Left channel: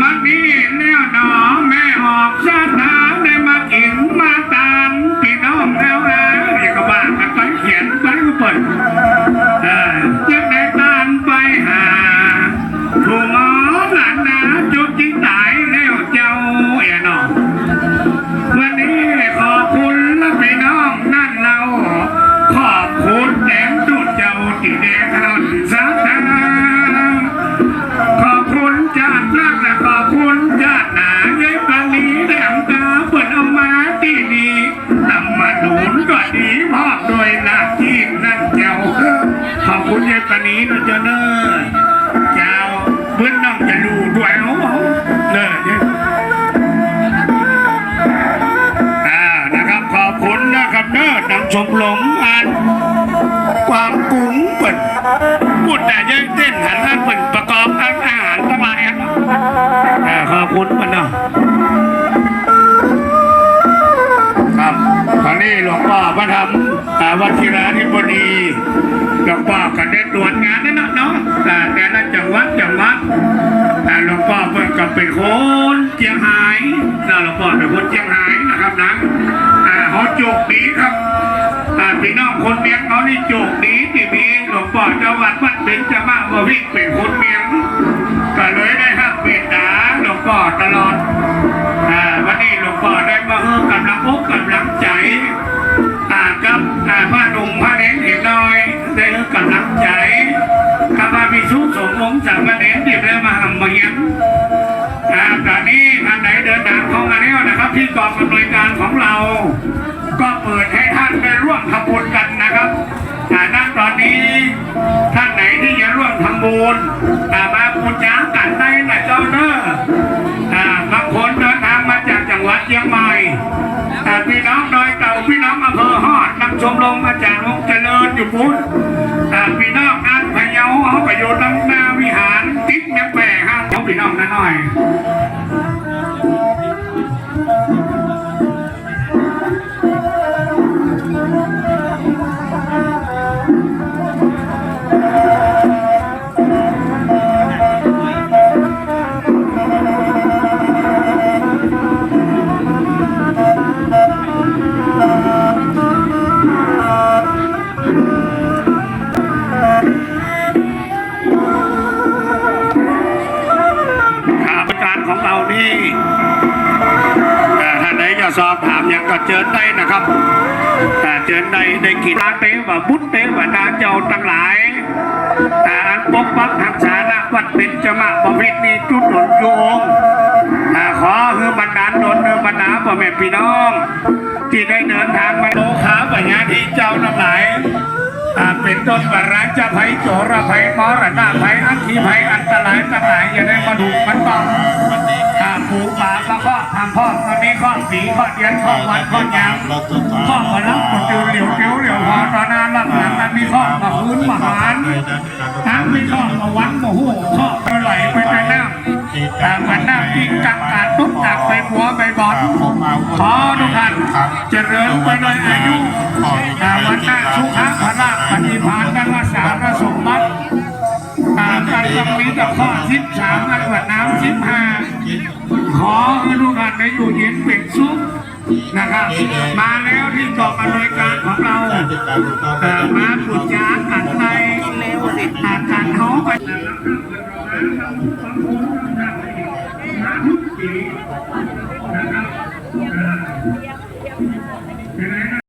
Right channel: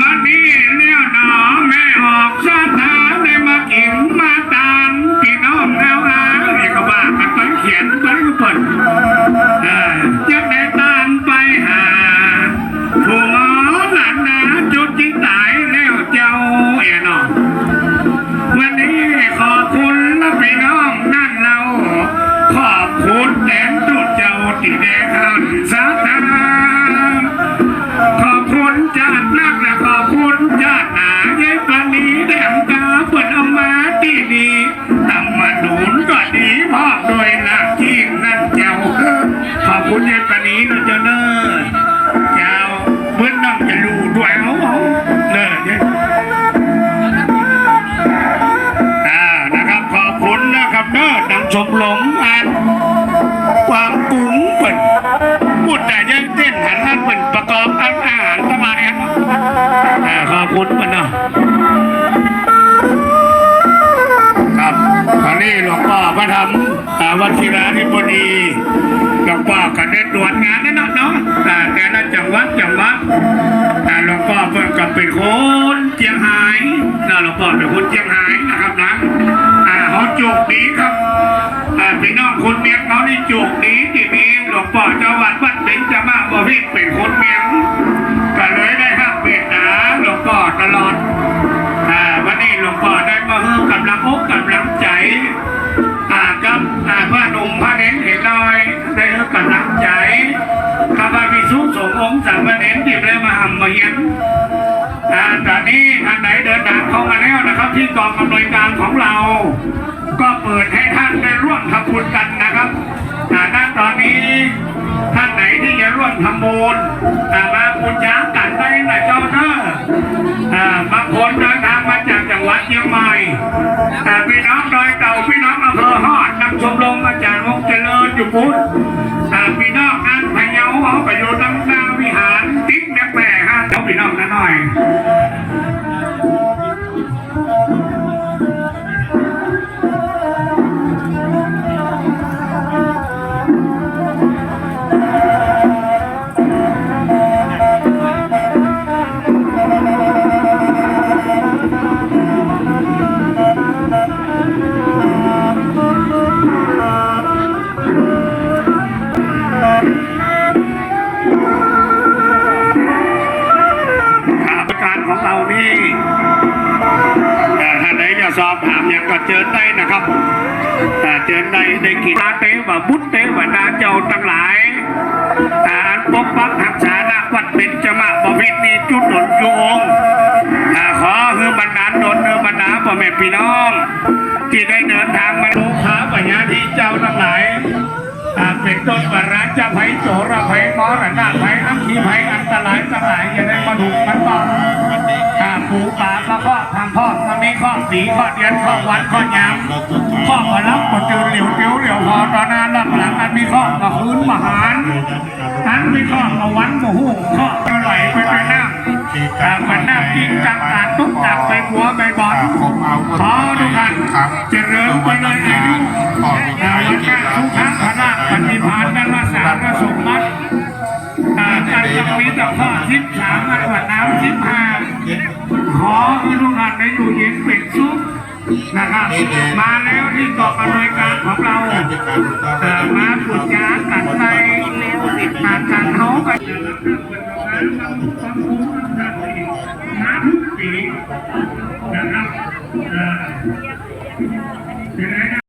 มานี่เลี้ยวหนอแม่ออกซ ดูนก็ดีพ่อโดยน้าที่นั่นเจ้าขอบคุณยายปลาลีนะเจ้าเนอเจ้าเพื่อนน้องจะรู้ด้วยเอาเนอเนี่ยอ่านะครับขอบคุณนะครับเนอทางชมรมอันความกุ้งเปิดพูดแต่ยังเต้นหันหน้าเป็นประกอบอาหารสบายอะเออขอบคุณมันเนาะ มาทำอ่าวัชิราธิบดีหลวงพ่อก็ได้ตรวจงานนั่นเนาะเนาะอ่าแต่ละจังหวัดจังหวัดอ่หลวงพ่อเพิ่งกับเป็นคนเจียงหายนะหลวงพ่อเป็นคนเจียงหายนะครับนะอ่เขาโจกดีครับอ่พี่น้องคนเมียงเขานี่โจกดีที่มี งฆ์องค์สามเรที่ได้มาหำมาเยี่ยมอ่าตอนนี้ท่านไหนเดินทางเข้ามาแล้วนะครับ ที่กองอำนวยการของเรา ก็เปิดให้ท่านได้ร่วมทำบุญกันนะครับอ่าณตอนนี้ท่านไหนที่จะร่วมทำบุญอ่ามาบุญจ้าตัดได้นะเจ้าเนอะอ่าบางคนเดินทางมาจากจังหวัดเชียงใหม่อ่าพี่น้องโดยเก่าพี่น้องอำเภอฮอดนำชมรมอาจารย์วงเจริญอยู่พุทธอ่าพี่น้อง นี่เอ่ท่านใดจะสอบถามอย่างก็เจิญได้นะครับ แต่เจิญได้ได้กินอาเตว่าบุตเตว่านาเจ้าทั้งหลายแต่อันปกปักรักษาณวัดเป็นจมาบพิตรีจุดหนุนโยงอ่ขอคือบรรดาลหนุนคือบรรดาพ่อแม่พี่น้อง ที่ได้เดินทางมาโลขาปัญญาที่เจ้าทั้งหลายอ่เป็นต้นกระจะไผโจระไผมอรำมีข้อเดียนข้อวันข้อหยางข้อมารับมาเจอเหลียวเปียวเหลียวพอตอนนั้นรับหลังอันมีข้อมาคืนมาหารอันมีข้อมาวันมาหูข้อมาไหลไปไปน้ำแต่มันน้ำกินกักกาดตุ๊กตักไปหัวไปบอลขอทุกท่านเจริญไปเลยอายุแต่วันหน้าสุขะพละปฏิภาณกันว่าสารสมบัติอ่าตั้งยังมีแต่ข้อสิบสามมาตรวจน้ำสิบห้า นะครับมาแล้วที่เกาะอำนวยการของเราเอ่อมาปรึกษากันในอาการโน้กันมาทุกปีนะครับ